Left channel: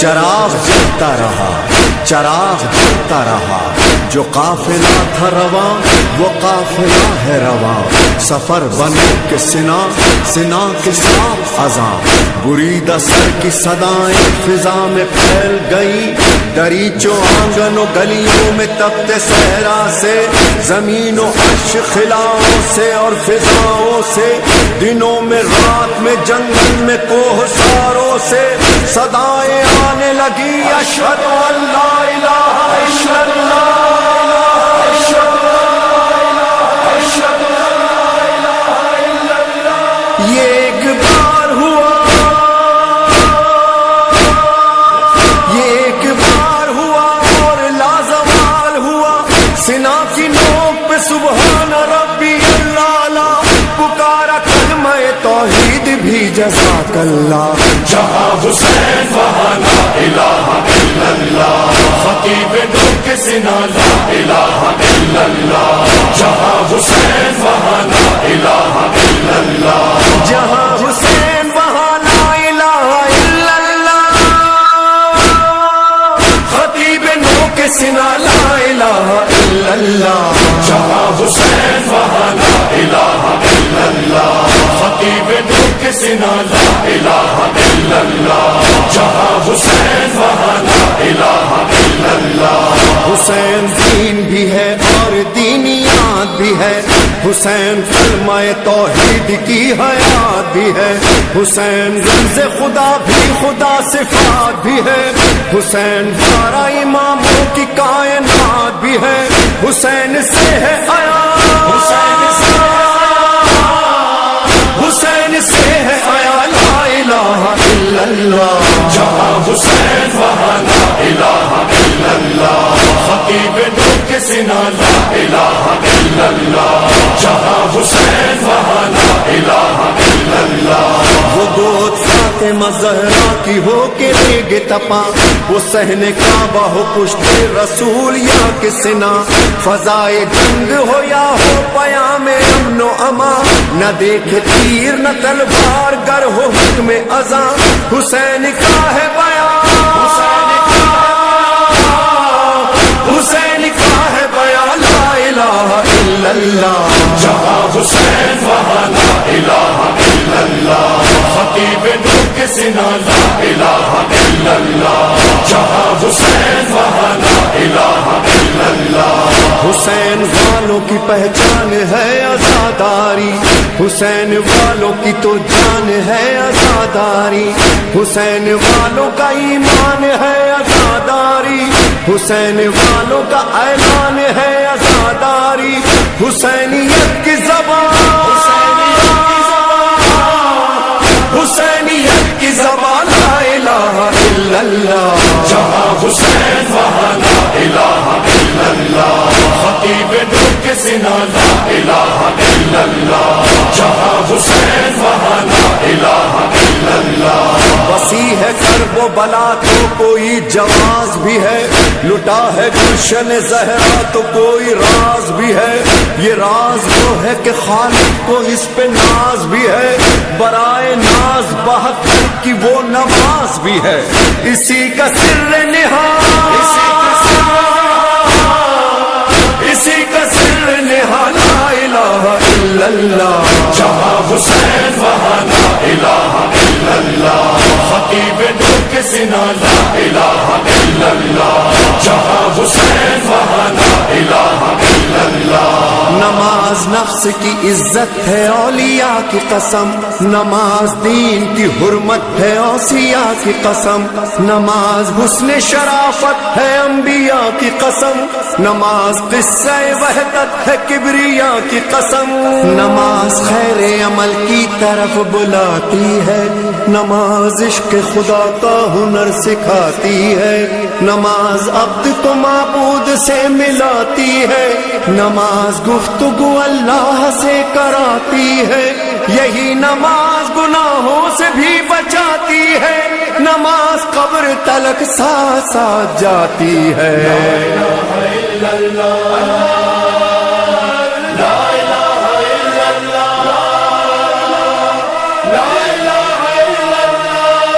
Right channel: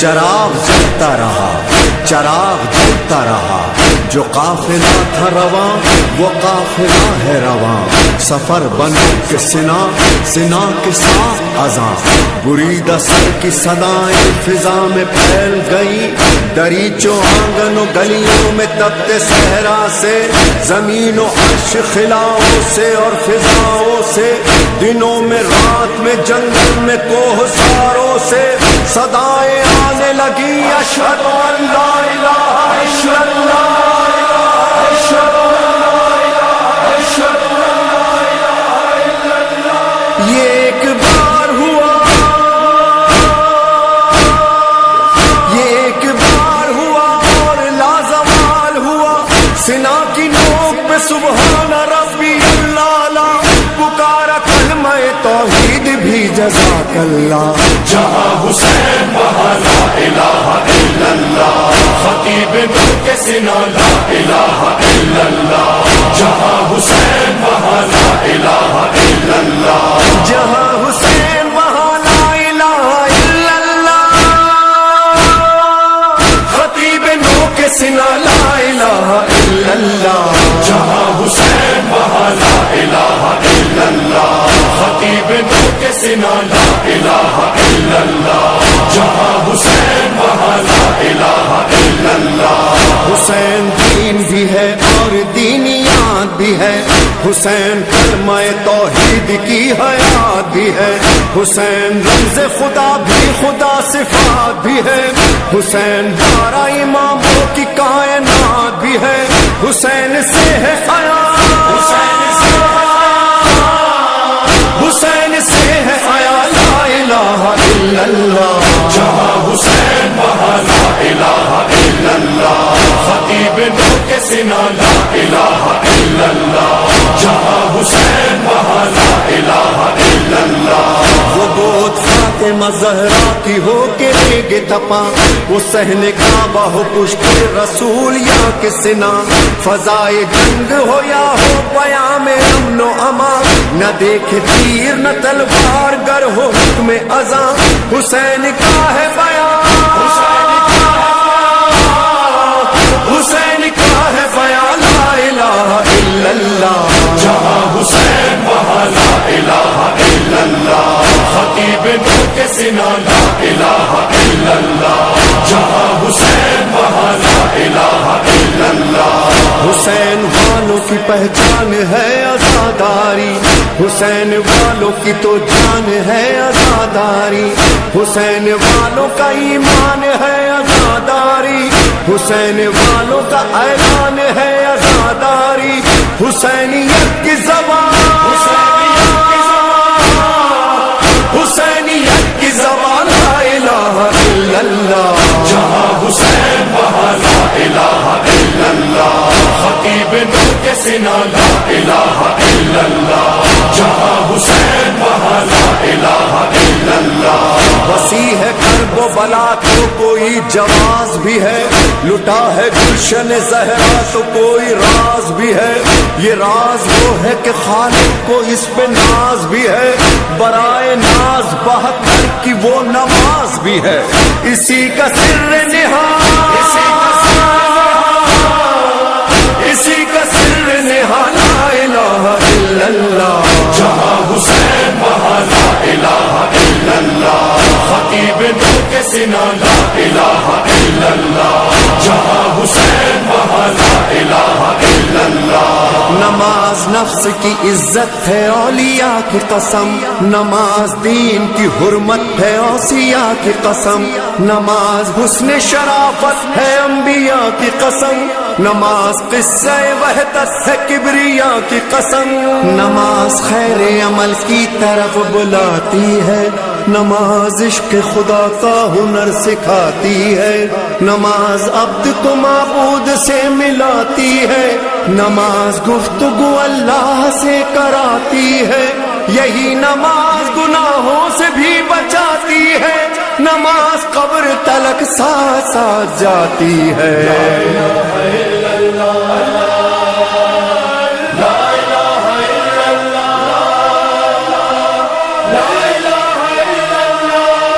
چراغ جلتا رہا، چراغ جلتا رہا، جو قافلہ تھا رواں وہ قافلہ ہے رواں، سفر بنو کے سنا، سنا کے ساتھ اذاں، بریدہ سر کی صدائیں فضا میں پھیل گئیں، دریچوں آنگن و گلیوں میں تپتے صحرا سے، زمین و عرش خلاؤں سے اور فضاؤں سے، دنوں میں رات میں جنگل میں کوہ ساروں سے صدائیں آنے لگی، اشہد ان لا الہ الا اللہ، یہ ایک بار ہوا، یہ ایک بار ہوا اور لازوال ہوا، سنا کی نوک پہ سبحان ربی اللہ، پکارا کلمہ توحید بھی جزاک اللہ، جہاں حسین وہاں لا الہ الا اللہ، خطیب نو کے سنا لا الہ الا اللہ، جہاں حسین وہاں لا الہ الا اللہ، جہاں حسین وہاں لا الہ الا اللہ، خطیب نو کے سنا لا الہ الا اللہ، جہاں حسین وہاں لا الہ الا اللہ، خطیب نو کے سنا لا الہ الا اللہ، جہاں حسین وہاں لا الہ الا اللہ، حسین دین بھی ہے اور دینیات بھی ہے، حسین کلمہ توحید کی حیات بھی ہے، حسین رمز خدا بھی خدا صفات بھی ہے، حسین 12 اماموں کی کائنات بھی ہے، حسین سے ہے آیا، حسین سے حسین سے ہے آیا لا الہ الا اللہ، جہاں حسین وہاں لا الہ الا اللہ، خطیب نو کے سنا لا الہ الا اللہ، جہاں حسین وہاں لا الہ الا اللہ، وہ گود فاطمہ زہرا کی ہو کے ریگ تپا، وہ صحن کعبہ ہو پشت رسول یا کہ سنا، فضائے جنگ ہو یا ہو پیام امن و امان، نہ دیکھے تیر نہ تلوار گر ہو حکم ازاں، حسین کا ہے بیان، حسین کا ہے بیان لا الہ الا اللہ، جہاں حسین وہاں لا الہ الا اللہ، خطیب نو کے سنا لا الہ الا اللہ، جہاں حسین وہاں لا الہ الا اللہ، حسین والوں کی پہچان ہے عزاداری، حسین والوں کی تو جان ہے عزاداری، حسین والوں کا ایمان ہے عزاداری، حسین والوں کا اعلان ہے عزاداری، حسینیت کی زبان، حسینیت کی زبان لا الہ الا اللہ، جہاں حسین وہاں لا الہ الا اللہ، خطیب نو کے سنا لا الہ الا اللہ، جہاں حسین وہاں لا الہ الا اللہ، وسیع ہے کرب و بلا تو کوئی جواز بھی ہے، لٹا ہے گلشن زہرا تو کوئی راز بھی ہے، یہ راز وہ ہے کہ خالق کو اس پہ ناز بھی ہے، برائے ناز 72 کی وہ نماز بھی ہے، اسی کا سر نہاد، اسی کا سر نہاد لا الہ الا اللہ، جہاں حسین وہاں لا الہ الا اللہ، خطیب نو کے سنا لا الہ الا اللہ، جہاں حسین وہاں لا الہ الا اللہ، نماز نفس کی عزت ہے اولیاء کی قسم، نماز دین کی حرمت ہے اوصیاء کی قسم، نماز حسن شرافت ہے انبیاء کی قسم، نماز قصہ وحدت ہے کبریا کی قسم، نماز خیر عمل کی طرف بلاتی ہے، نماز عشق خدا کا ہنر سکھاتی ہے، نماز عبد کو معبود سے ملاتی ہے، نماز گفتگو اللہ سے کراتی ہے، یہی نماز گناہوں سے بھی بچاتی ہے، نماز قبر تلک ساتھ ساتھ جاتی ہے۔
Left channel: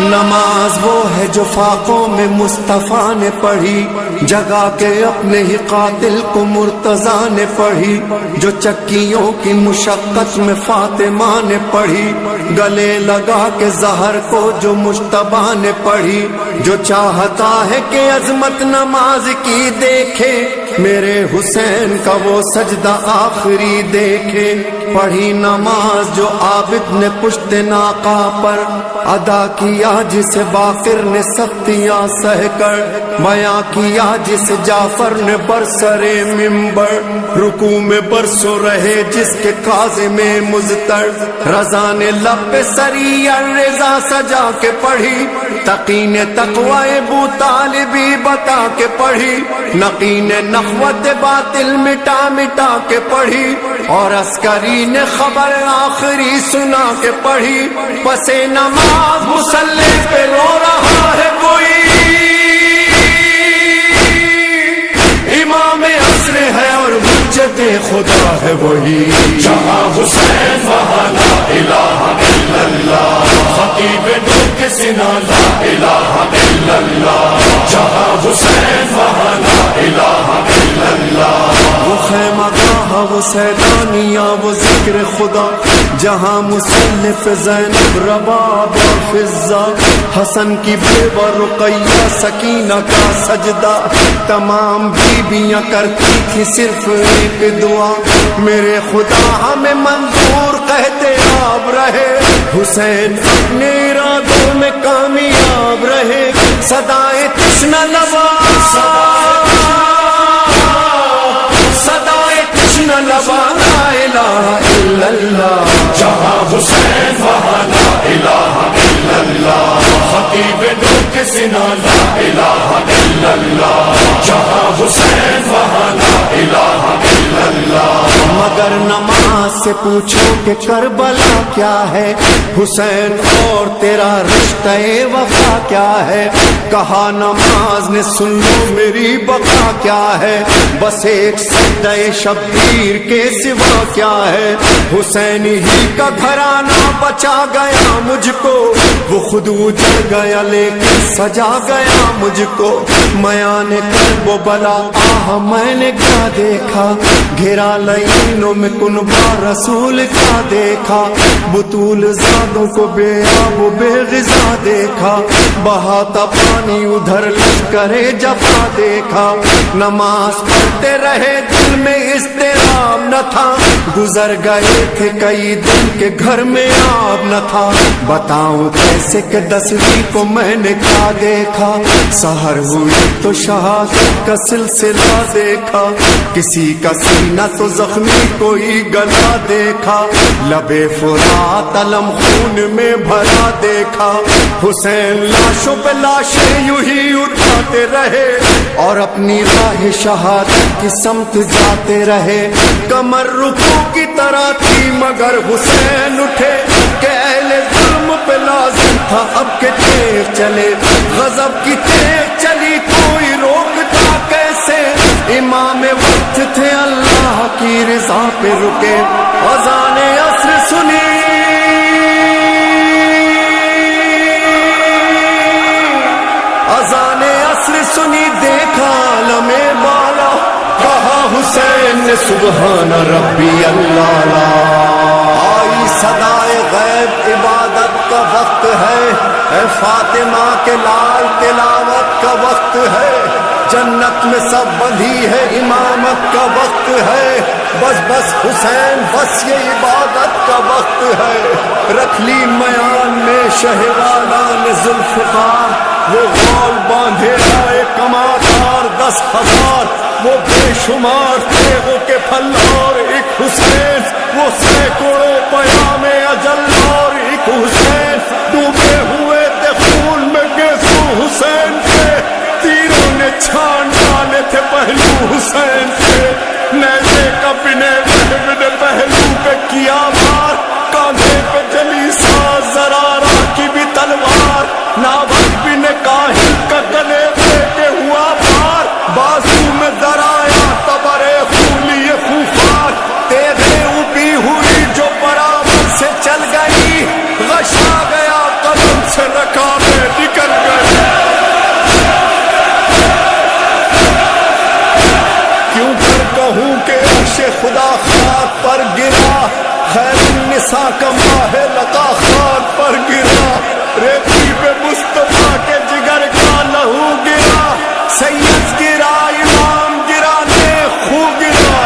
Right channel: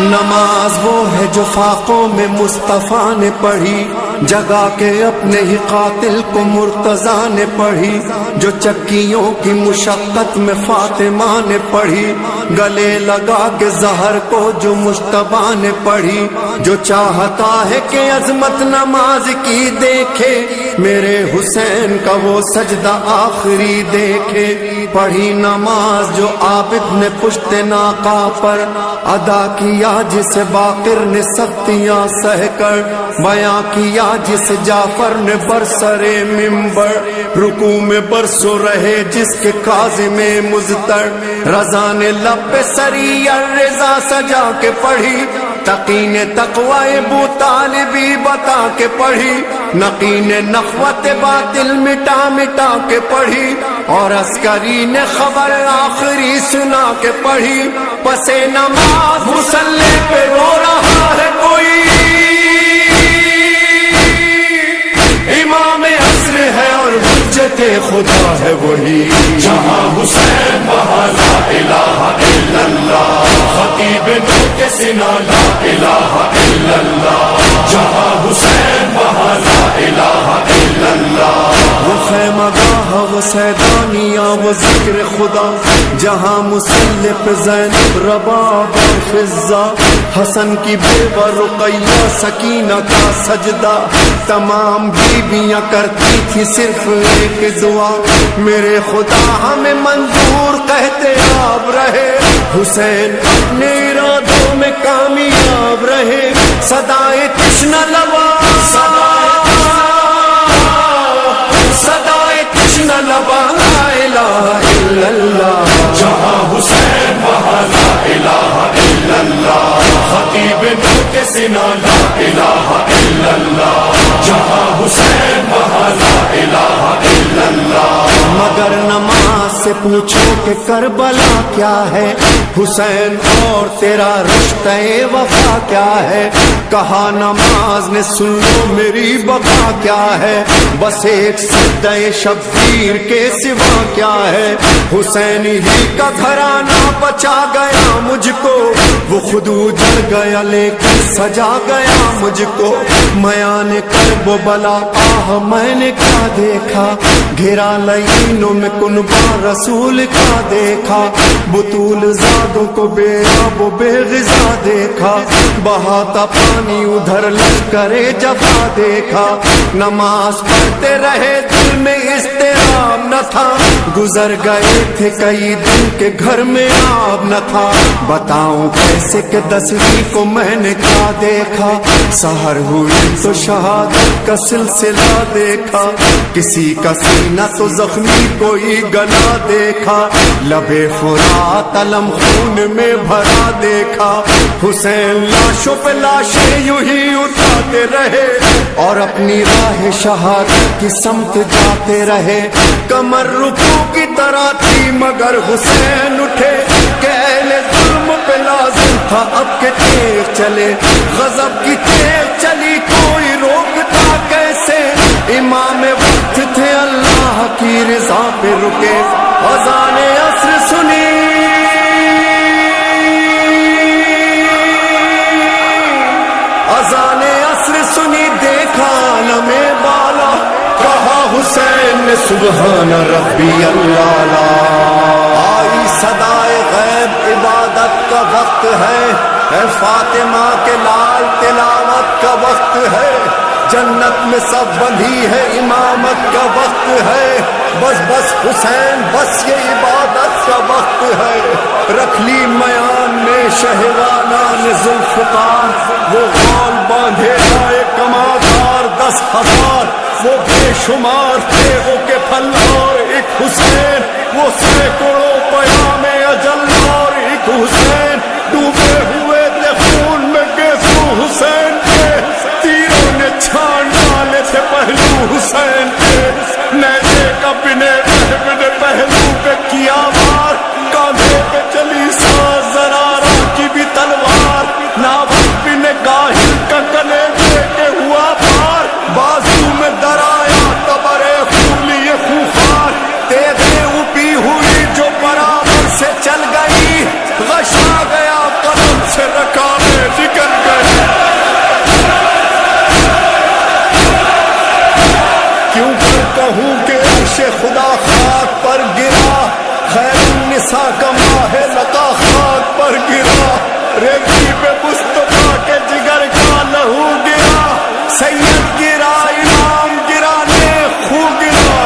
نماز وہ ہے جو فاقوں میں مصطفیٰ نے پڑھی، جگا کے اپنے ہی قاتل کو مرتضیٰ نے پڑھی، جو چکیوں کی مشقت میں فاطمہ نے پڑھی، گلے لگا کے زہر کو جو مجتبیٰ نے پڑھی، جو چاہتا ہے کہ عظمت نماز کی دیکھے، میرے حسین کا وہ سجدہ آخری دیکھے۔ پڑھی نماز جو عابد نے پشت ناقہ پر ادا کیا، جسے باقر نے سختیاں سہ کر بیاں کیا، جسے جعفر نے برسر منبر رکوع میں برسوں رہے، جس کے کاظم مضطر رضا نے لب پہ سری الرضا سجا کے پڑھی، تقی نے تقوی ابو طالبی بتا کے پڑھی، نقی نے نخوت باطل مٹا مٹا کے پڑھی، اور عسکری نے خبر آخری سنا کے پڑھی۔ پس نماز مصلی پہ رو رہا ہے کوئی، امام عصر ہے اور حجت خدا ہے وہی، جہاں حسین وہاں لا الہ الا اللہ، خطیب نو کے سنا لا الہ الا اللہ، جہاں حسین وہاں لا الہ الا اللہ۔ وہ خیمہ گاہ وہ سیدانیہ وہ ذکر خدا، جہاں مصلی پہ زینب رباب اور فضہ، حسن کی بیوہ رقیہ سکینہ کا سجدہ، تمام بیویاں کرتی تھی صرف ایک دعا، میرے خدا ہمیں منظور کہتے آپ رہے، حسین اپنے ارادوں میں کامیاب رہے، صدائے تشنہ لبا صدائے تشنہ لبا لا الہ الا اللہ، جہاں حسین وہاں لا الہ الا اللہ، خطیب نو کے سنا لا الہ الا اللہ، جہاں حسین وہاں لا الہ الا اللہ۔ مگر نماز سے پوچھو کہ کربلا کیا ہے، حسین اور تیرا رشتہ وفا کیا ہے، کہا نماز نے سن لو میری بقا کیا ہے، بس ایک سجدہ شبیر کے سوا کیا ہے، حسین ہی کا گھرانہ بچا گیا مجھ کو، وہ خود اجڑ گیا لیکن سجا گیا مجھ کو، میان کرب و بلا آہ میں نے کیا دیکھا، گھرا لعینوں میں کنبہ رسول کا دیکھا، بطول زادوں کو بے آب و بے غذا دیکھا، بہاتا پانی ادھر لشکر جفا دیکھا، نماز پڑھتے رہے دل میں اضطراب نہ تھا، گزر گئے تھے کئی دن کے گھر میں آب نہ تھا، بتاؤں کیسے کہ 10ویں کو میں نے کیا دیکھا، سحر ہوئی تو شہادت کا سلسلہ دیکھا، کسی کا سینہ تو زخمی کوئی گلا دیکھا، لبے فرات علم خون میں بھرا دیکھا، حسین لاشوں پہ لاشیں یوں ہی اٹھاتے رہے اور اپنی راہ شہادت کی سمت جاتے رہے، کمر رکوع کی طرح تھی مگر حسین اٹھے کہ اہل ظلم پہ لازم تھا اب کہ تیغ چلے، غضب کی تیغ چلی کوئی روکتا کیسے، امام وقت تھے اللہ کی رضا پہ رکے، اذان عصر سنی اذان عصر سنی، دیکھا عالم بالا، کہا حسین نے سبحان ربی اللہ لا، آئی صدائے غیب عبادت کا وقت ہے، اے فاطمہ کے لال تلاوت کا وقت ہے، جنت میں سب بندھی ہے امامت کا وقت ہے، بس بس حسین بس یہ عبادت کا وقت ہے، رکھ لی میان میں شہوالا نے ذوالفقار، وہ غول باندھے آئے کمادار 10,000، وہ بے شمار تیغوں کے پھل اور ایک حسین، وہ سینکڑوں پیام اجل اور ایک حسین، ڈوبے ہوئے تھے خون میں گیسو حسین کے، تیروں نے چھان ڈالے تھے پہلو حسین کے، نیزے کا بنے بن پہلو پہ کیا وار، کاندھے پہ چلی ساز زرارہ کی بھی تلوار، ناوک بن کاہل کا گلے دے کے ہوا پار، بازو میں درایا تبرے خولی خوفار، تیغیں اوپی ہوئی جو برابر سے چل گئی، غشا گیا قلم سے رکابیں نکل گئی۔ کیوں کر کہوں کہ عرش خدا خاک پر گرا، خیر النساء کا ماہ لقا خاک پر گرا، ریتی پہ مصطفیٰ کے جگر کا لہو گرا، سید گرا امام گرا نیک خو گرا۔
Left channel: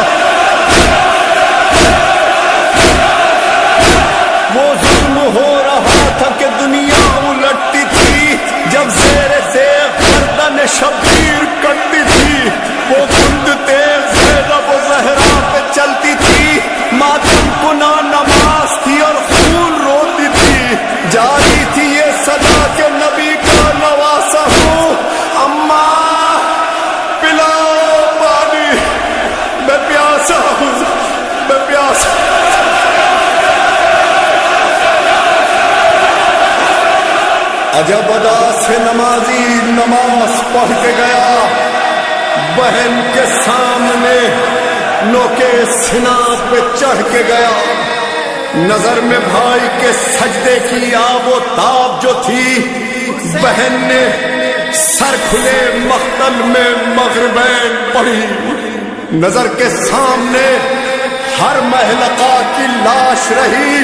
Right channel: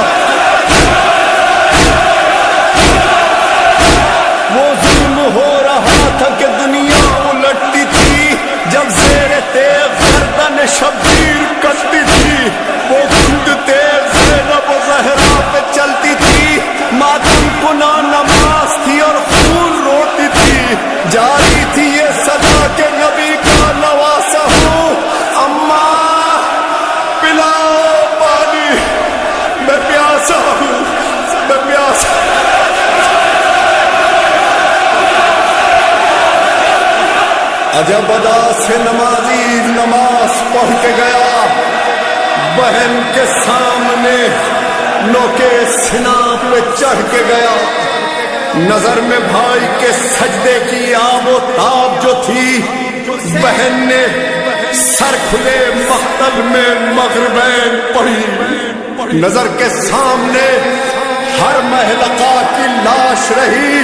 وہ ظلم ہو رہا تھا کہ دنیا الٹتی تھی، جب زیر تیغ گردن شبیر کٹتی تھی، وہ کند تیغ زینب و زہرا پہ چلتی تھی، ماتم کنا نماز تھی اور خون روتی تھی، جاری تھی یہ صدا کہ نبی کا نواسا ہوں، اماں پلاؤ پانی، میں پیاسا ہوں، میں پیاسا ہوں۔ عجب ادا سے نمازی نماز پڑھ کے گیا، بہن کے سامنے نوکے سنا پہ چڑھ کے گیا، نظر میں بھائی کے سجدے کی آب و تاب جو تھی، بہن نے سر کھلے مقتل میں مغربین پڑھی، نظر کے سامنے ہر محلقہ کی لاش رہی،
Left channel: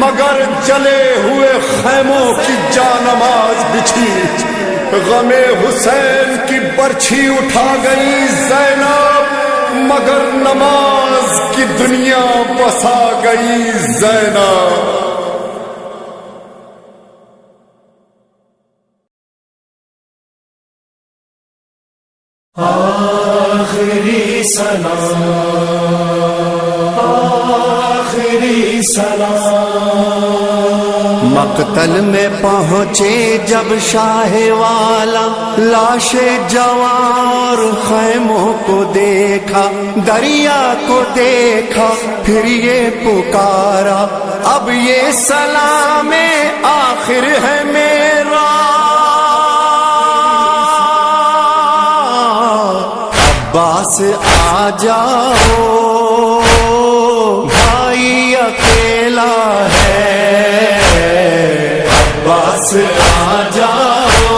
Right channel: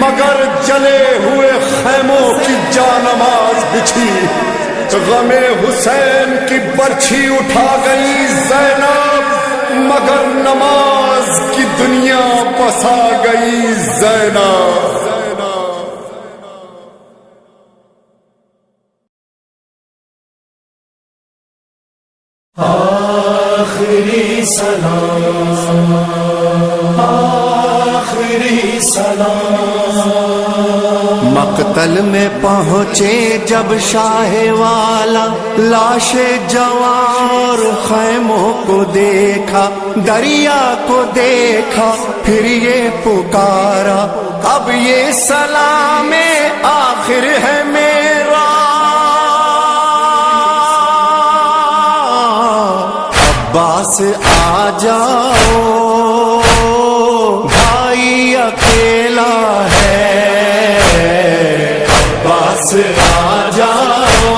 مگر جلے ہوئے خیموں کی جانماز بچھی، غم حسین کی برچھی اٹھا گئی زینب، مگر نماز کی دنیا بسا گئی زینب۔ آخری سلام، آخری سلام۔ مقتل میں پہنچے جب شاہ والا، لاش جوار خیموں کو دیکھا، دریا کو دیکھا، پھر یہ پکارا، اب یہ سلام آخر ہے میرا، عباس آ جاؤ بھائی اکیلا ہے، عباس آ جاؤ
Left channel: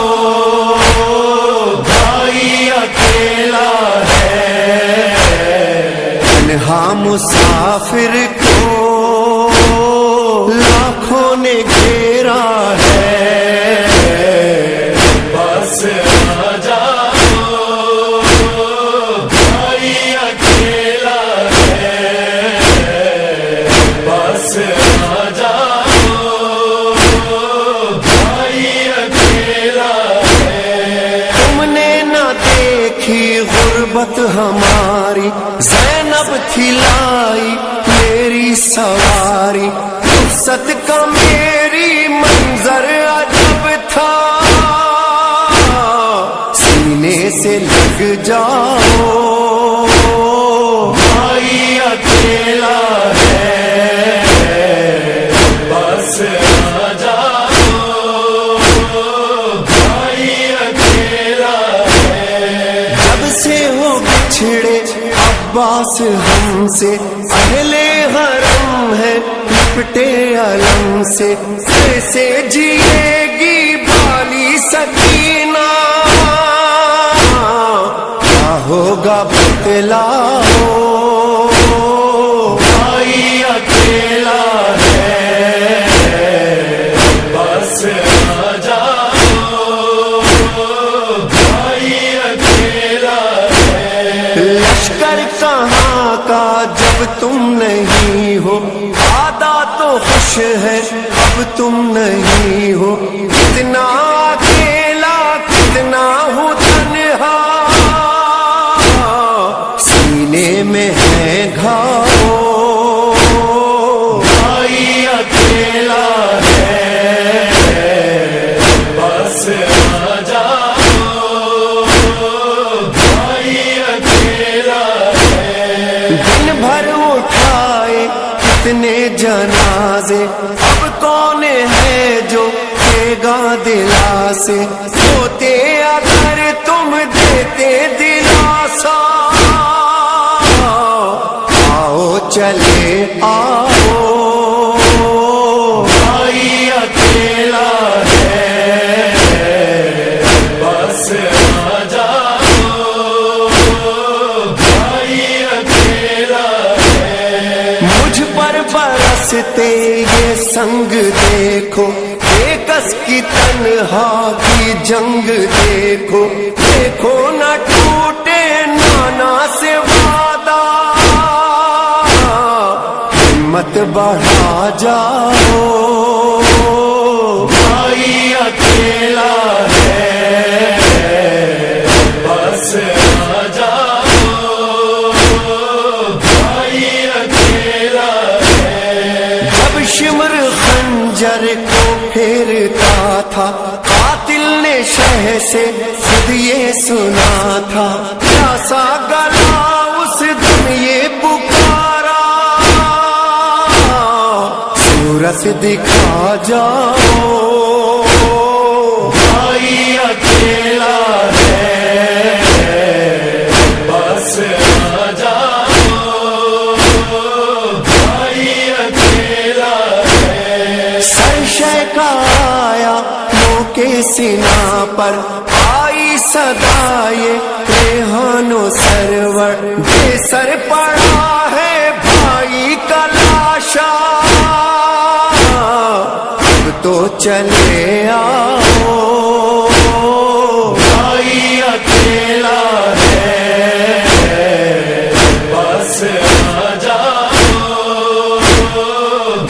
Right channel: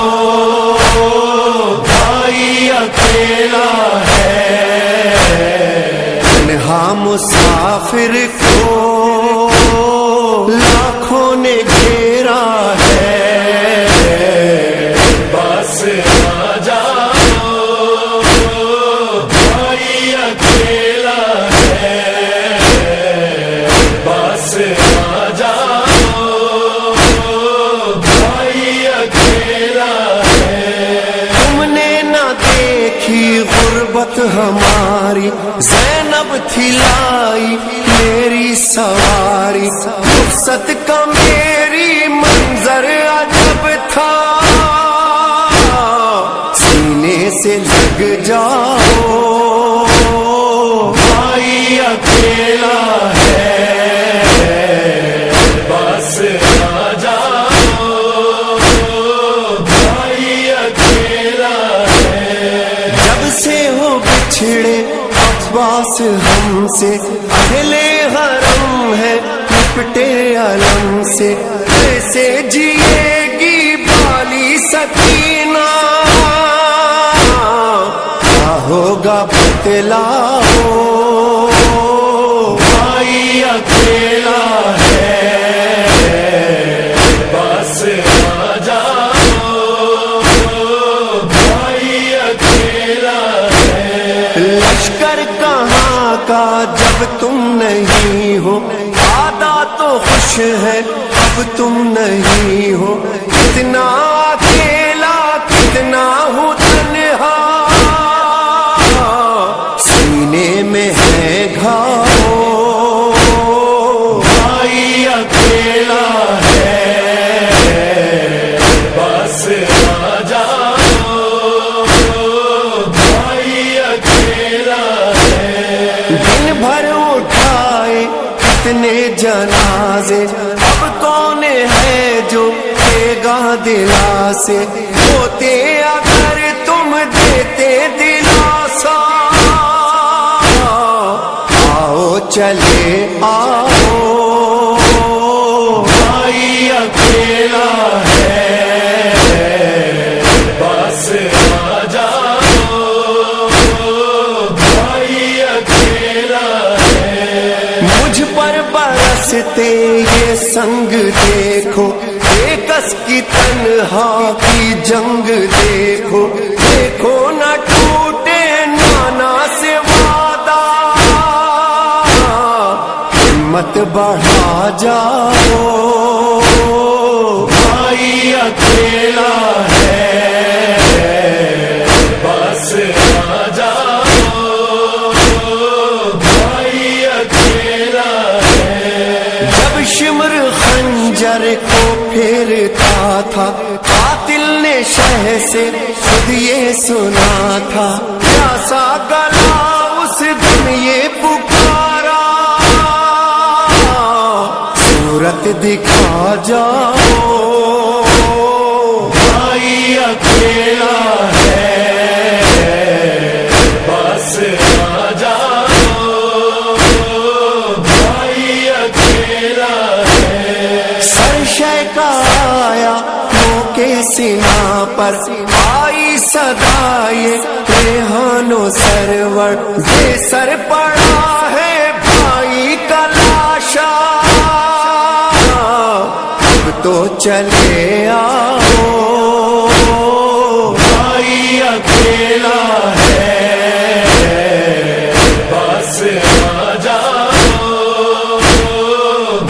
بھائی اکیلا ہے، تنہا مسافر کو لاکھوں نے گھیرا ہے، عباس آ جاؤ بھائی اکیلا ہے، عباس آ جاؤ بھائی اکیلا ہے۔ تم نے نہ دیکھی غربت ہماری، زینب تھی لائی میری سواری، رخصت کا میری منظر عجب تھا، سینے سے لگ جاؤ بھائی اکیلا ہے، عباس آ جاؤ بھائی اکیلا ہے۔ جب سے ہو بچھڑے عباس ہم سے، اہل حرم ہے لپٹے علم سے، کیسے جیے گی بالی سکینہ، کیا ہوگا بتلاؤ بھائی اکیلا ہے، عباس آ جاؤ بھائی اکیلا ہے۔ لشکر کہاں کا جب تم نہیں ہو، آدھا تو خوش ہے اب تم نہیں ہو، کتنا اکیلا کتنا ہوں تنہا، سینے میں ہے گھاؤ بھائی اکیلا ہے، عباس آ جاؤ بھائی اکیلا ہے۔ بھر اٹھائے کتنے جنازے، اب کون ہے جو دے گا دلاسے، ہوتے اگر تم دیتے دلاسا، آؤ چلے آؤ، بھائی اکیلا ہے بس آ جاؤ، بھائی اکیلا ہے۔ مجھ پر برستے یہ سنگ دیکھو، بےکس کی تنہا کی جنگ دیکھو، دیکھو نہ ٹوٹے نانا سے وعدہ، ہمت بڑھا جاؤ، بھائی اکیلا ہے بس آ جاؤ، بھائی اکیلا ہے۔ جب شمر خنجر کو پھیرتا تھا، قاتل نے شہ سے خود یہ سنا تھا، پیاسا گلا اس دم یہ پکارا، صورت دکھا جاؤ، بھائی اکیلا ہے بس آ جاؤ، بھائی اکیلا ہے۔ سر شے کا آیا منہ کے سنا پر، آئی صدا یہ ریحان و سرور، بے سر پڑا ہے بھائی کا لاشا، اب تو چلے آؤ، بھائی اکیلا ہے بس آ جاؤ،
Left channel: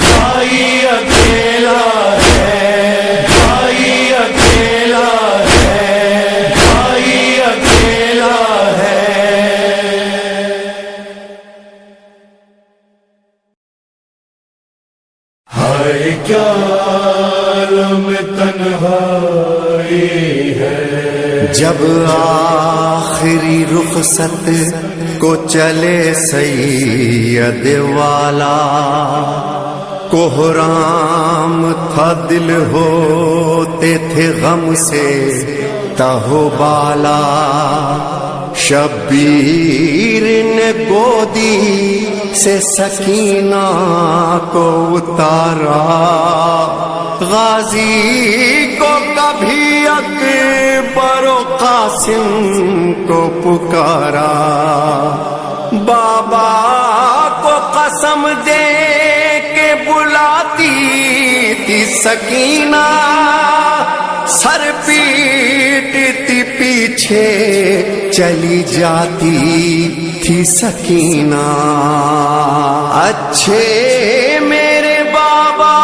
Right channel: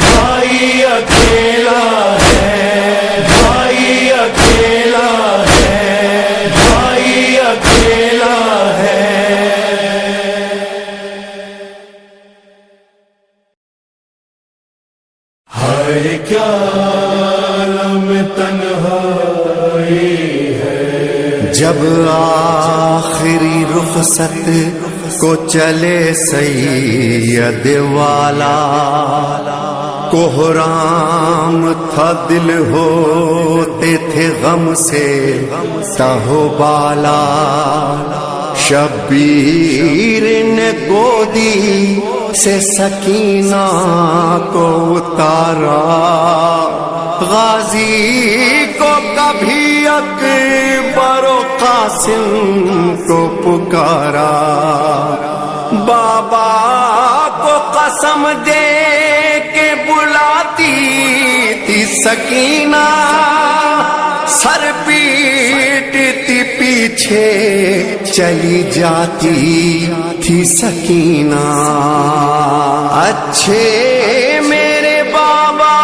بھائی اکیلا ہے، بھائی اکیلا ہے، بھائی اکیلا ہے۔ ہائے کیا عالم تنہائی ہے، جب آخری رخصت کو چلے سید والا، کوہرام تھا دل ہوتے تھے غم سے تہو بالا، شبیر نے گودی سے سکینہ کو اتارا، غازی کو کبھی اکبر و قاسم کو پکارا، بابا کو قسم دے کے بلاتی تھی سکینہ، سر پیٹتی پیچھے چلی جاتی تھی سکینہ، اچھے میرے بابا،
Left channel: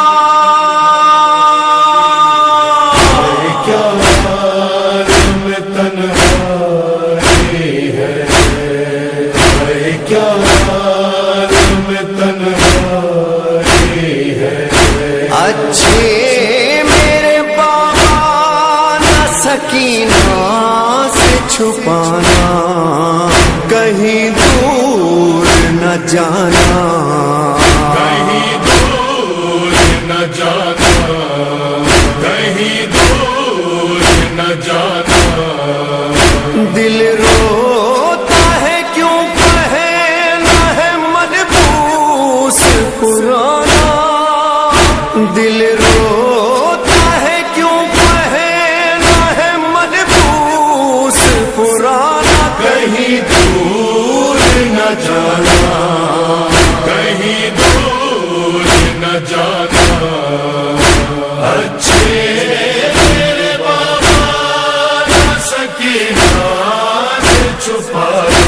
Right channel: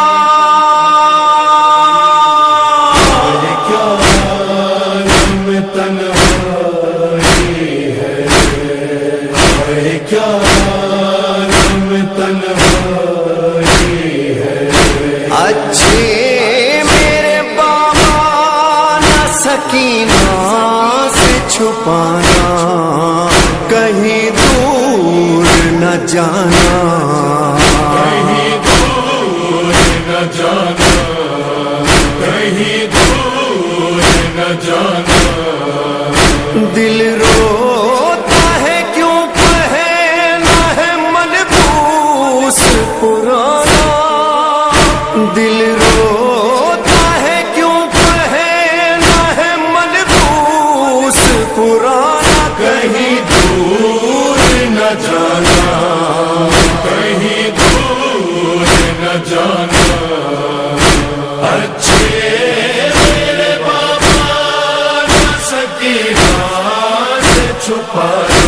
کیا عالم تنہائی ہے، کیا عالم تنہائی ہے، اچھے میرے بابا، نہ سکینہ سے چھپانا، کہیں دور نہ جانا، کہیں دور نہ جانا، کہیں دور نہ جانا، دل روتا ہے کیوں پہنا ہے ملبوس پرانا، دل روتا ہے کیوں پہنا ہے ملبوس پرانا، کہیں دور نہ جانا، کہیں دور نہ جانا، اچھے میرے بابا نہ سکینہ سے چھپانا،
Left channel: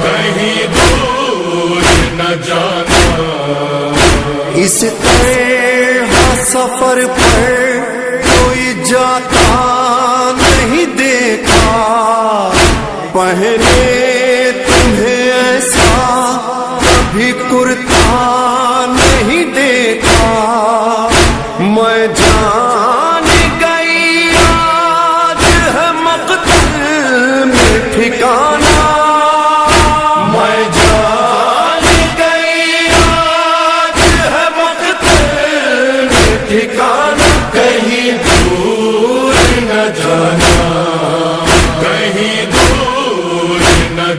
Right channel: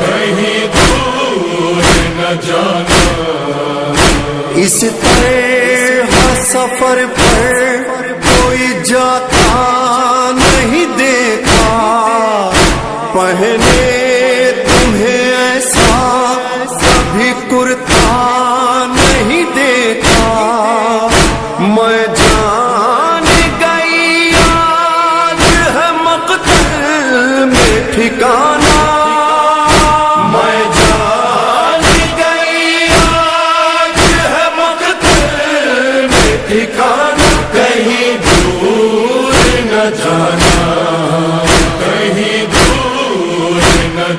کہیں دور نہ جانا، اس طرح سفر پر کوئی جاتا نہیں دیکھا، پہنے تمہیں ایسا کبھی کرتا نہیں دیکھا، میں جان گئی آج ہے مقتل میں ٹھکانا، میں جان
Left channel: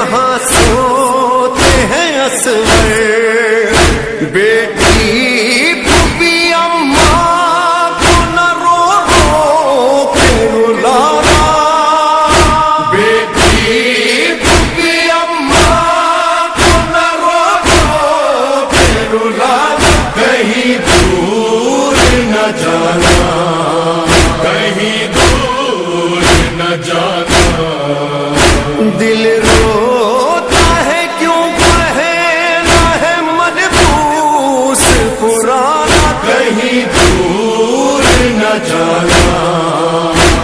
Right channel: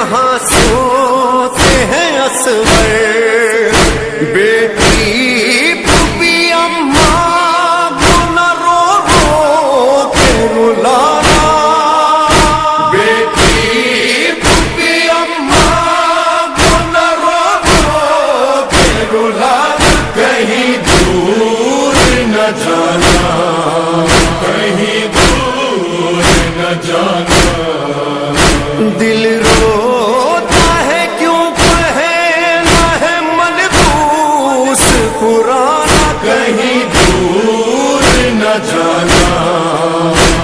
یہاں سوتے ہیں اصغر، بیٹی پھوپھی اماں کو نہ رو رو کے رلانا، بیٹی پھوپھی اماں کو نہ رو رو کے رلانا، کہیں دور نہ جانا، کہیں دور نہ جانا، دل روتا ہے کیوں پہنا ہے ملبوس پرانا، کہیں دور نہ جانا،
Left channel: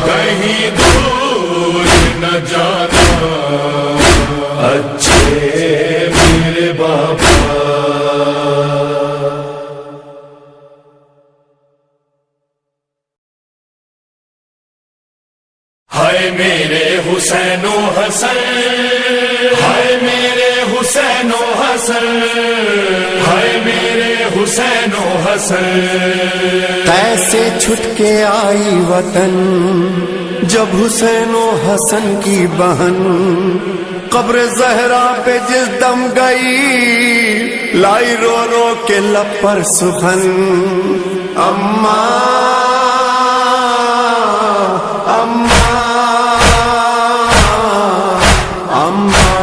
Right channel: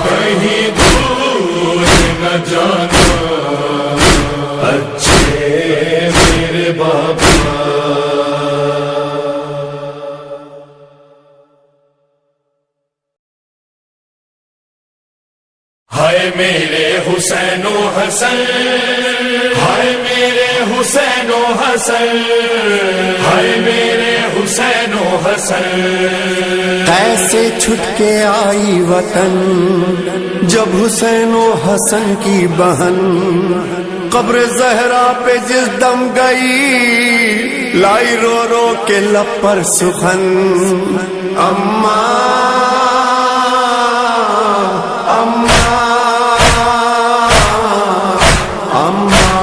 کہیں دور نہ جانا، اچھے میرے باپا۔ ہائے میرے حسین و حسن، ہائے میرے حسین و حسن، ہائے میرے حسین و حسن، کیسے چھٹ کے آئی وطن جب حسین و حسن کی بہن قبر زہرا پہ جس دم گئی، لائی رو رو کے لب پر سخن، اماں اماں اماں،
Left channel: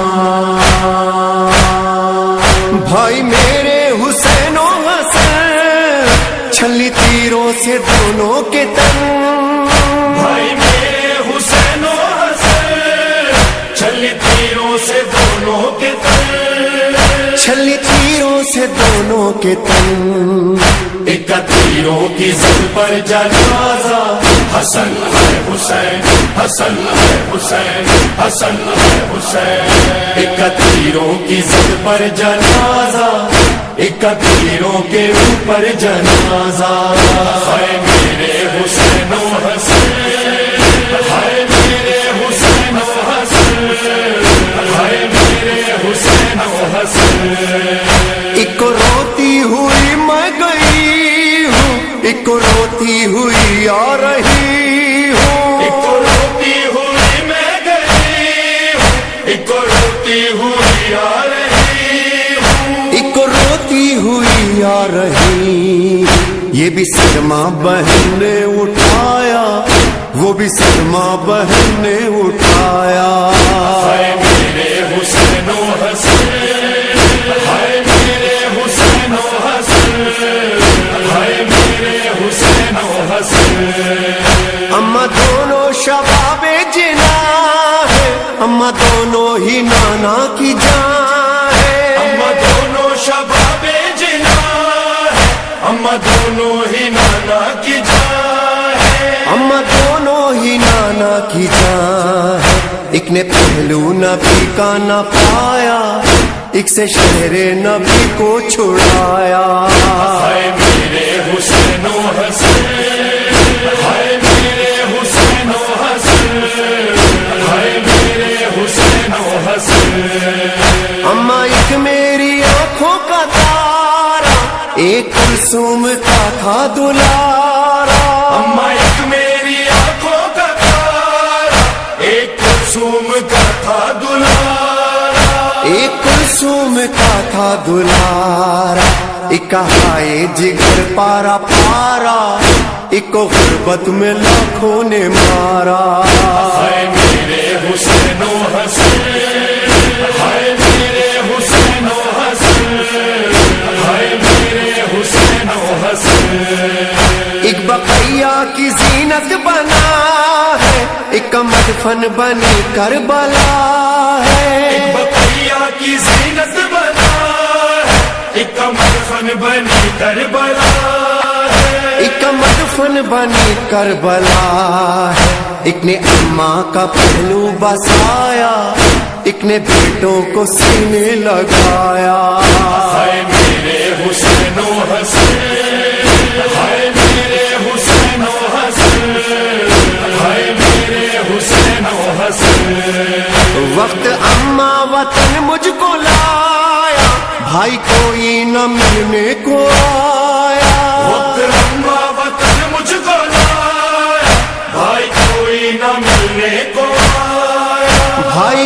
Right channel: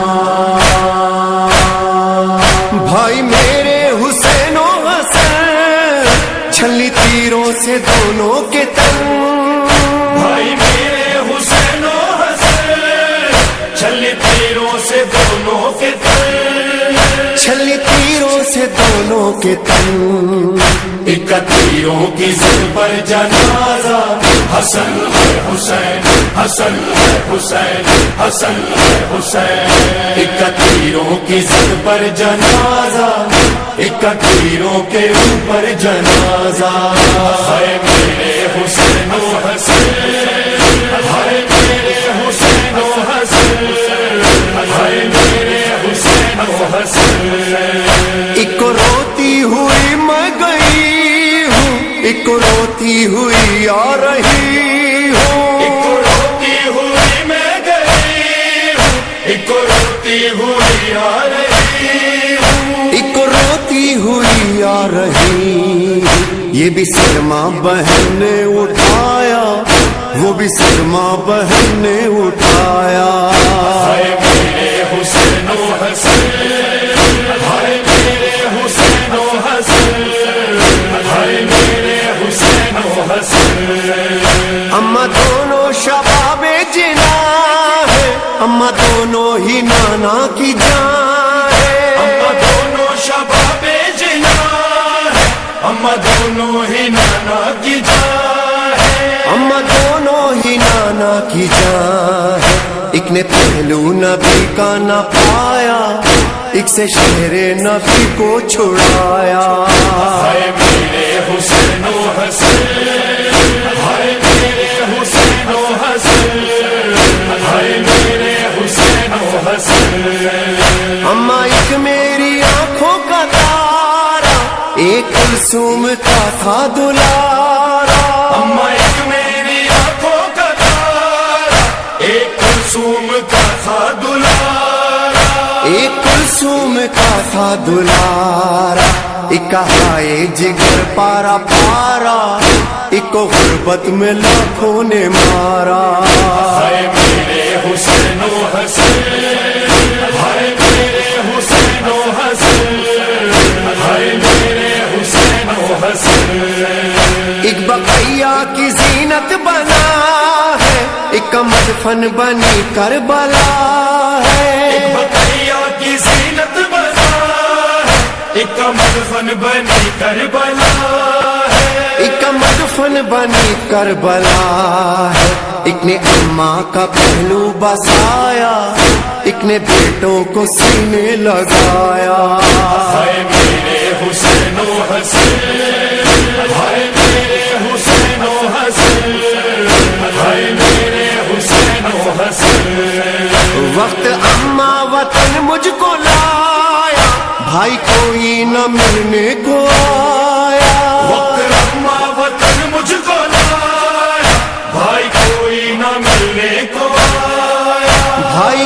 بھائی میرے حسین و حسن چھلی تیروں سے دونوں کے تن، بھائی میرے حسین و حسن چھلی تیروں سے دونوں کے تن، چھلی تیروں سے دونوں کے تن، ایک تیروں کی زد پر جنازہ، حسن ہے حسین، حسن ہے حسین، حسن ہے حسین، ایک تیروں کی زد پر جنازہ، ایک تیروں کے اوپر جنازہ، ہے میرے حسین و حسن، ہے میرے حسین و حسن، ہے میرے حسین و حسن، ایک روتی ہوئی میں گئی ہوں، ایک روتی ہوئی آ رہی ہوں، ایک روتی ہوئی میں گئی ہوں، ایک روتی ہوئی آ رہی ہوں، ایک روتی ہوئی آ رہی، یہ بھی صدمہ بہن نے اٹھایا، وہ بھی صدمہ بہن نے اٹھایا، ہے میرے حسین و حسن، ہے میرے حسین و حسن، ہے میرے حسین و حسن، اما دونوں شباب جنا ہے، اما دونوں ہی نانا کی جان ہے، اما دونوں شباب جنا ہے، اما دونوں ہی نانا کی جان ہے، اما دونوں ہی نانا کی جان ہے، ایک نے پہلو نبی کا نہ پایا، ایک سے شہر نبی کو چھڑایا، ہے میرے حسین و حسن، ہے میرے حسین و حسن، ہے میرے حسین و حسن، اما ایک میری آنکھوں کا تارا، ایک کلثوم کا تھا دلارا، اما ایک میری آنکھوں کا تارا، ایک کلثوم کا تھا دلارا، ایک کلثوم کا تھا دلارا، ایک ہائے جگر پارا پارا، ایک کو غربت میں لاکھوں نے مارا، ہے میرے حسین و حسن، ہے میرے حسین و حسن، ہے میرے حسین و حسن، ایک بقیہ کی زینت بنا ہے، ایک مدفن بنی کربلا ہے، ایک بقیہ کی زینت بنا ہے، ایک مدفن بنی کربلا ہے، ایک مدفن بنی کربلا ہے، ایک نے اماں کا پہلو بسایا، ایک نے بیٹوں کو سینے لگایا، ہے میرے حسین و حسن، ہے میرے حسین و حسن، ہے میرے حسین و حسن، وقت اماں وطن مجھ کو لایا، بھائی کوئی نہ ملنے کو آیا، وقت اماں وطن مجھ کو لایا، بھائی کوئی نہ ملنے کو آیا، بھائی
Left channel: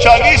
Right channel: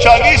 40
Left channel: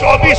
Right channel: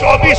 24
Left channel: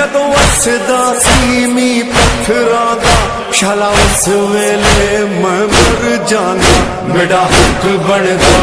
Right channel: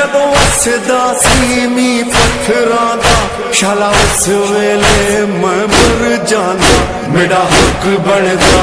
ਜਦੋਂ ਵਸਦਾ ਸੀ ਮੀਂਹ ਪੱਥਰਾਂ ਦਾ ਸ਼ਾਲਾ ਉਸ ਵੇਲੇ ਮੈਂ ਮਰ ਜਾਂਦਾ ਮੇਰਾ ਹੱਕ ਬਣਦਾ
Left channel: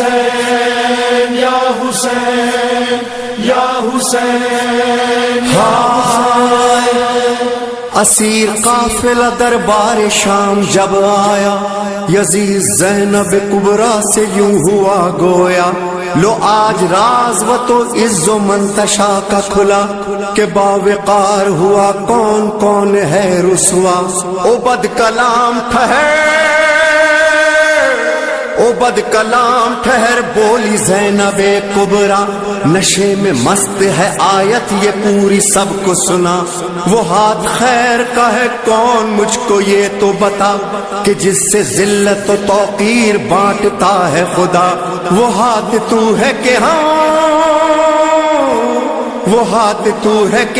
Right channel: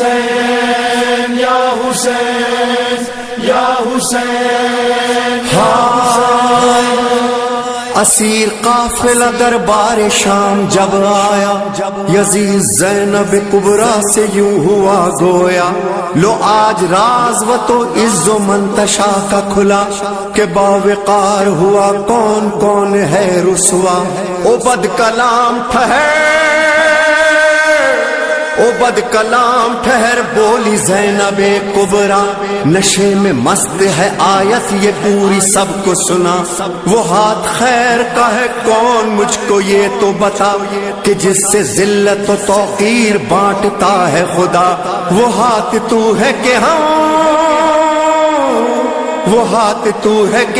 حسین یا حسین یا حسین ہائے اسیر قافلہ دربار شام جب آیا، یزید زینب کبریٰ سے یوں ہوا گویا، لو آج راز و تو عز و منتشا کا کھلا، کہ باوقار ہوا کون کون ہے رسوا۔ او بد کلام ٹھہر بولی زینب کبریٰ، نشے میں مست ہے آیت یہ پوری سب کو سنا، وہ ہاتھ خیر کا ہے کون مجھ کو یہ تو بتا، کہ جس سے ذلت و توقیر بانٹتا ہے خدا، وہ ہاتھ تو ہے کہ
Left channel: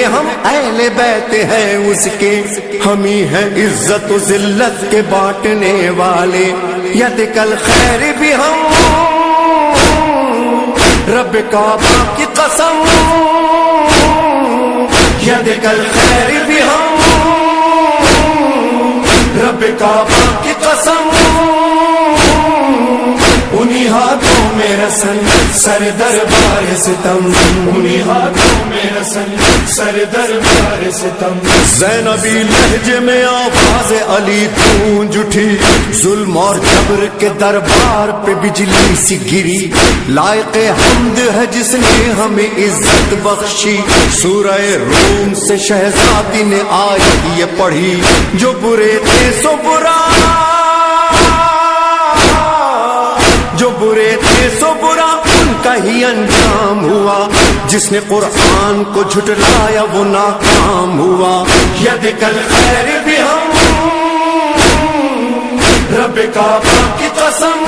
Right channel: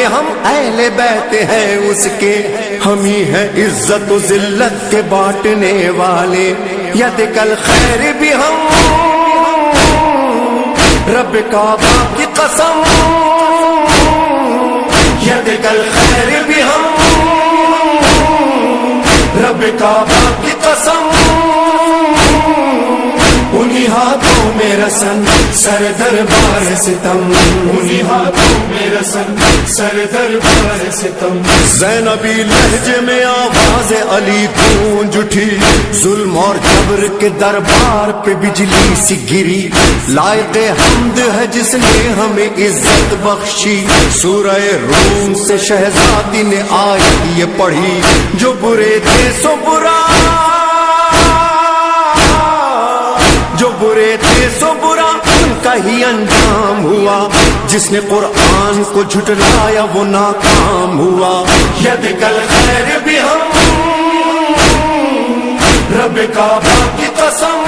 ہم اہل بیت ہیں اس کے، ہم ہی ہیں عزت و ذلت کے بانٹنے والے، ید کل خیر بھی ہم رب کعبہ کی قسم، ید کل خیر بھی ہم رب کعبہ کی قسم، انہی ہاتھوں میں رسن سر دربار ستم، انہی ہاتھوں میں رسن سر دربار ستم۔ زینبی لہجے میں آواز علی گونج اٹھی، ظلم اور جبر کے دربار پہ بجلی سی گری، لائق حمد ہے جس نے ہمیں عزت بخشی، سورہ روم سے شہزادی نے آیت یہ پڑھی، جو برے تھے سو برا، جو برے تھے سو برا ان کا ہی انجام ہوا، جس نے قرآن کو جھٹلایا وہ ناکام ہوا، ید کل خیر بھی ہم رب کعبہ کی قسم،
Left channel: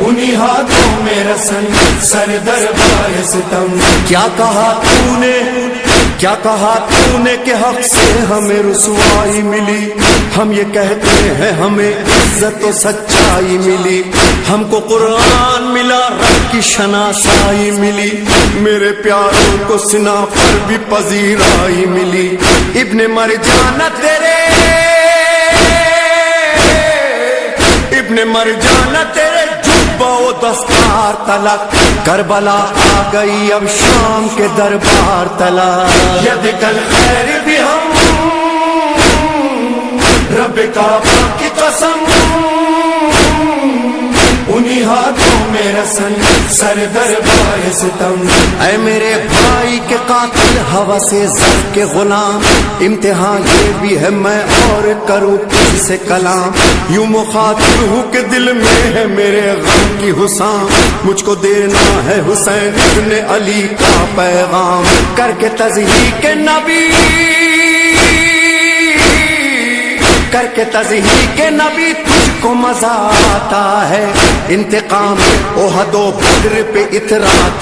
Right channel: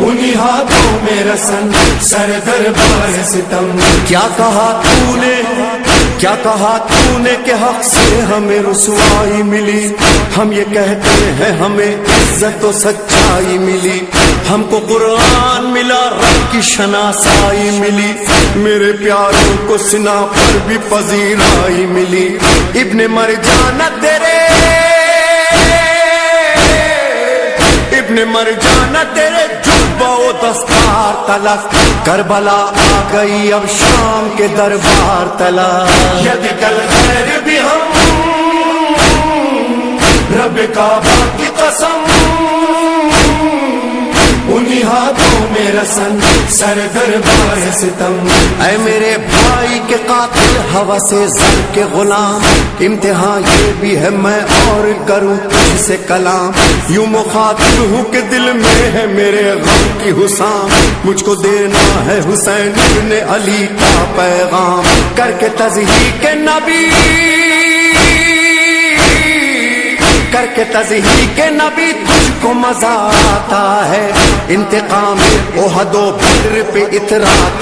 انہی ہاتھوں میں رسن سر دربار ستم۔ کیا کہا تو نے کہ حق سے ہمیں رسوائی ملی، ہم یہ کہتے ہیں ہمیں عزت و سچائی ملی، ہم کو قرآن ملا رب کی شناسائی ملی، میرے پیاروں کو سنا پر بھی پذیرائی ملی، ابن مرجانہ تیرے جبہ و دستار تلک، کربلا آ گئی اب شام کے دربار تلک، ید کل خیر بھی ہم رب کعبہ کی قسم، انہی ہاتھوں میں رسن سر دربار ستم۔ اے میرے بھائی کے قاتل ہوا سے زر کے غلام، امتحان یہ بھی ہے میں اور کروں تجھ سے کلام، یوں مخاطب ہوں کہ دل میں ہے میرے غم کی حسام، مجھ کو دینا ہے حسین ابن علی کا پیغام، کر کے تضحیق نبی تجھ کو مزہ آتا ہے، انتقام احد و بدر پہ اتراتا